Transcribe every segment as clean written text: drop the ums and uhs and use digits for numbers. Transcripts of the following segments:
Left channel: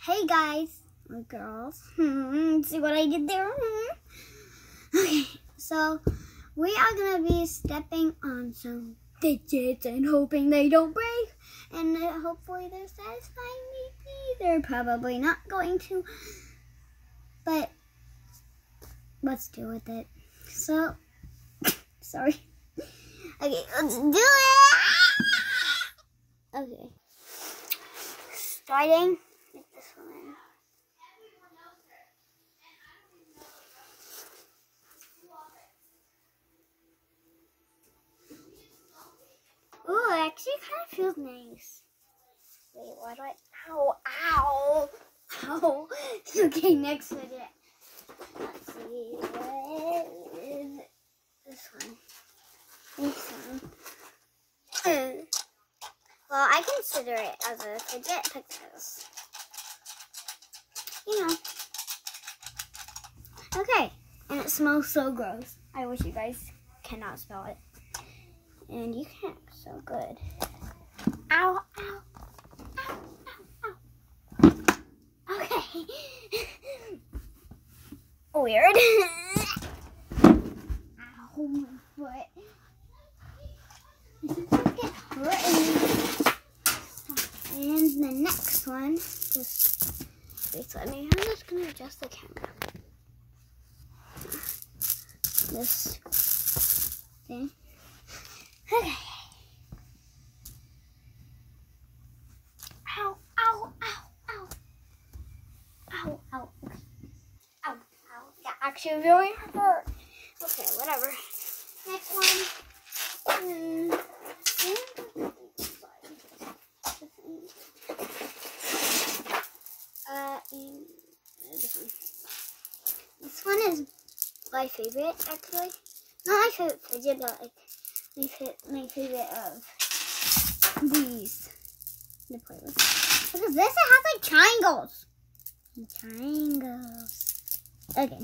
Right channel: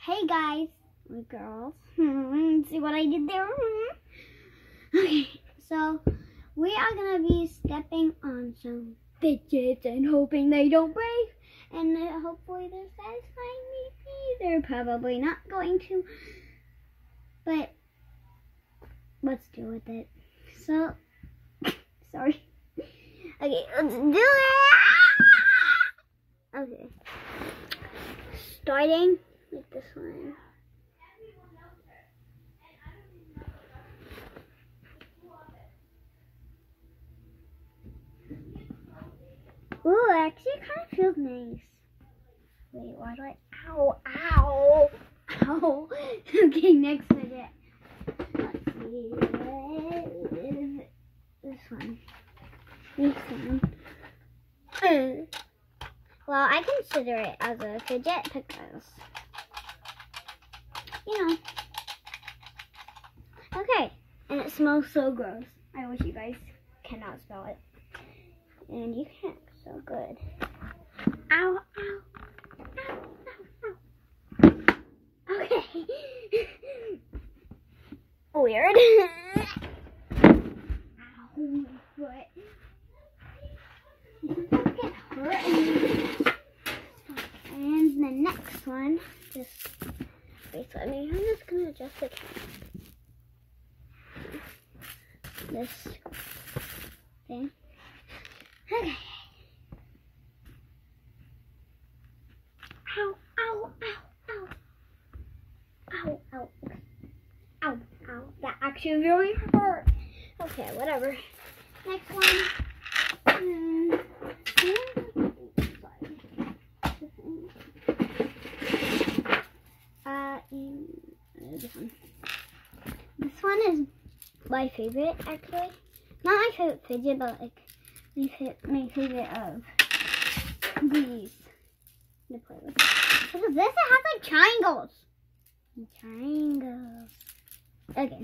Hey guys, or girls. See what I did there? Okay, so we are gonna be stepping on some fidgets and hoping they don't break, and hopefully they're satisfying. Maybe they're probably not going to, but let's deal with it. So, sorry. Okay, let's do it. Okay, starting with this one. Ooh, actually it kind of feels nice. Wait, why do I, ow. Okay, next fidget. Let's see, this one. Well, I consider it as a fidget because, you know. Okay, and it smells so gross. I wish you guys cannot smell it. And you can't, so good. Ow. Okay. Weird. Ow, my foot. This is gonna get hurt. And the next one, just wait, so I'm just gonna adjust the camera. This thing. Okay. Ow. That actually really hurt. Okay, whatever. Next one. This one is my favorite, actually. Not my favorite fidget, but like my favorite of these to play with. Because this, it has like triangles. Okay,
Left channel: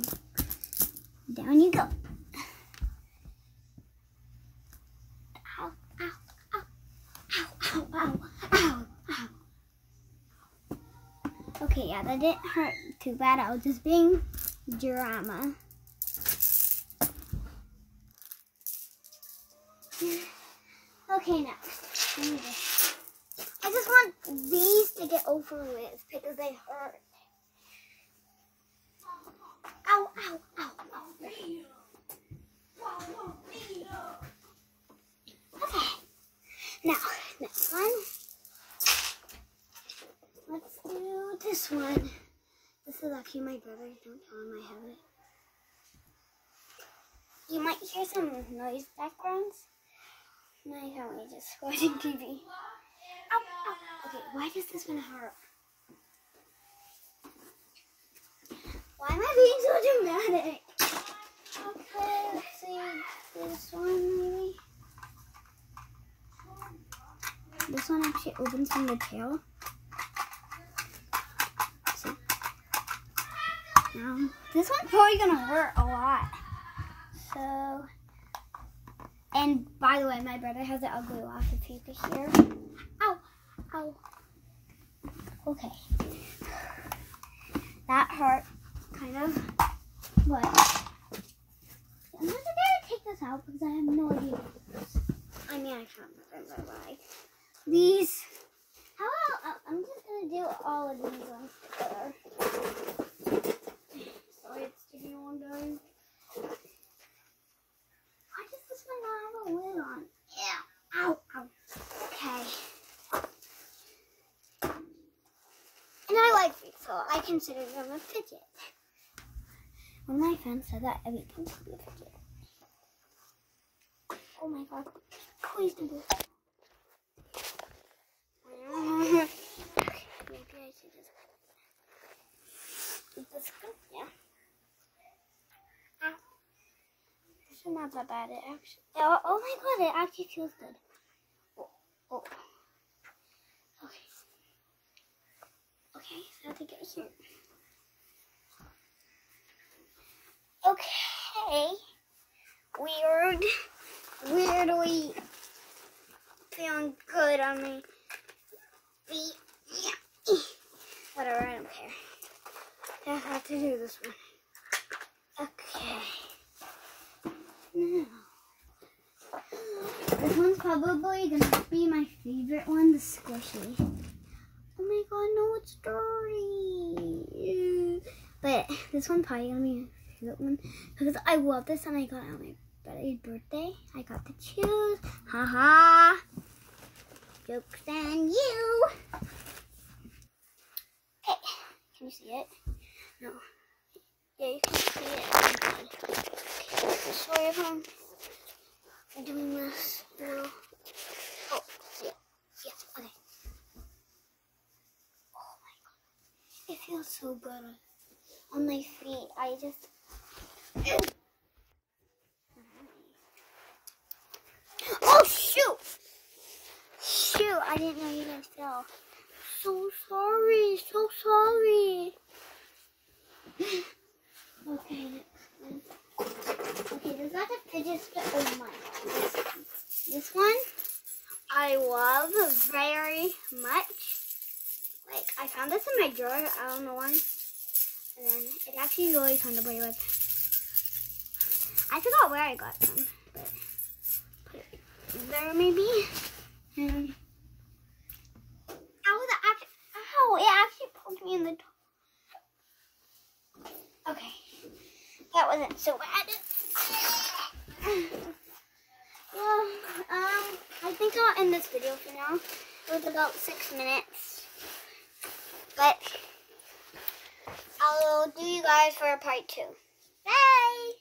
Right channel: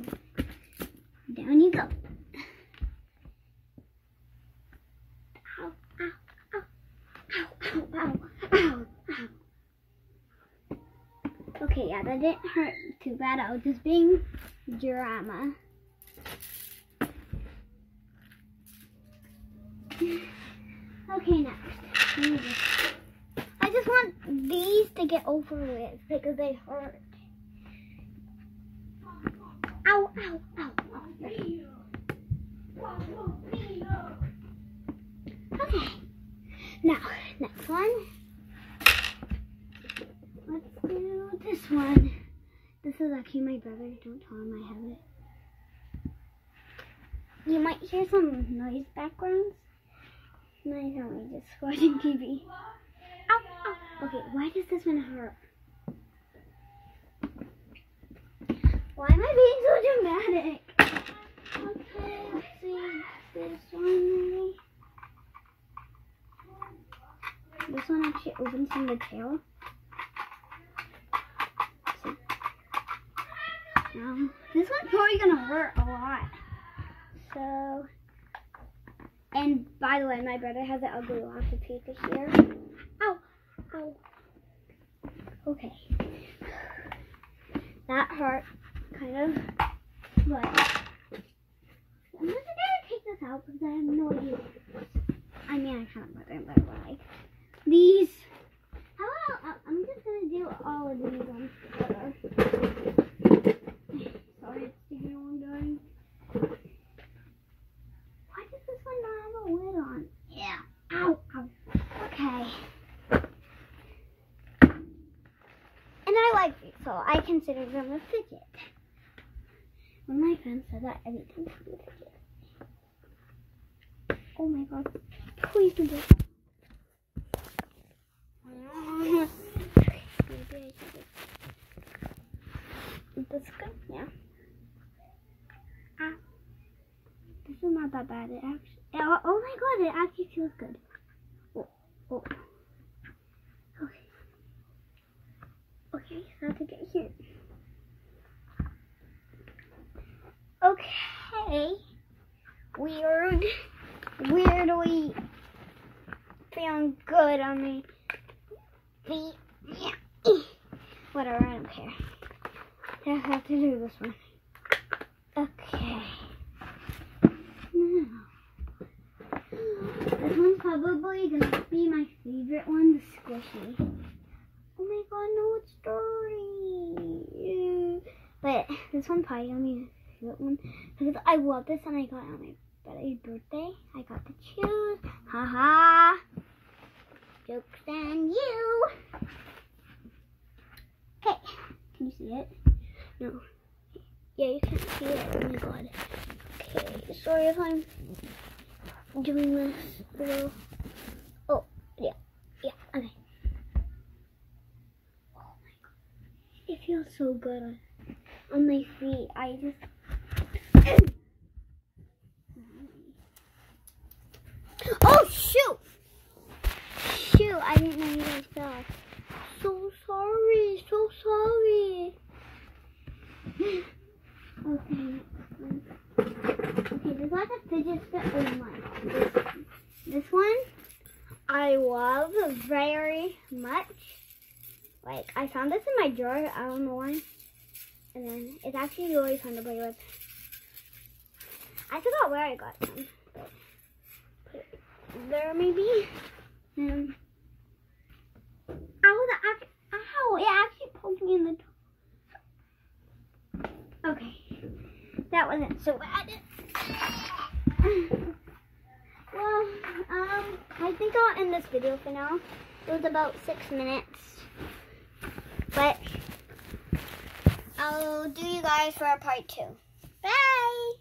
down you go. Ow. Okay, yeah, that didn't hurt too bad. I was just being drama. Okay, next. I just want these to get over with because they hurt. Ow. Okay. Now, next one. Let's do this one. This is actually my brother's. Don't tell him I have it. You might hear some noise backgrounds. My family just watching TV. Ow. Okay, why does this one hurt? Why am I being so dramatic? Okay, let's see. This one, maybe. This one actually opens from the tail. See. This one's probably gonna hurt a lot. So, and by the way, my brother has an ugly lots of paper here. Ow. Okay. That hurt, kind of. But I'm just gonna take this out because I have no idea what it is. I mean, I kind of put it, but like these. How about I'm just gonna do all of these on together. Sorry, it's taking a long time. Why does this one not have a lid on? Yeah. Ow. Okay. And I like these, so I consider them a fidget. When my friend said that everything could be a fidget. Oh my god. Please don't do it. Maybe I should just... This good? Yeah. Ow. This is not that bad. It actually... Oh my god, it actually feels good. Oh. Okay, so I have to get here. Okay. Weirdly feeling good on me. feet. just have to do this one. Okay. Now, this one's probably gonna be my favorite one, the squishy. Oh my god, no, it's dirty. But this one's probably gonna be my favorite one because I love this and I got it on my buddy's birthday. I got to choose. Haha. Joke's on you. Okay, can you see it? No. Yeah, you can see it. Oh my god. Okay, sorry if I'm doing this little. Oh, yeah. Yeah, okay. Oh my god. It feels so good on my feet. I just. Oh, shoot! Shoot, I didn't know you guys fell. So sorry, so sorry. Okay, there's lots of fidget spin. Oh my god, this one I love very much. Like, I found this in my drawer, I don't know why. And then it's actually really fun to play with. I forgot where I got them, but put it there maybe. And ow, it actually poked me in the toe. Okay, that wasn't so bad. Well, I think I'll end this video for now. It was about 6 minutes, but I'll do you guys for a part 2. Bye!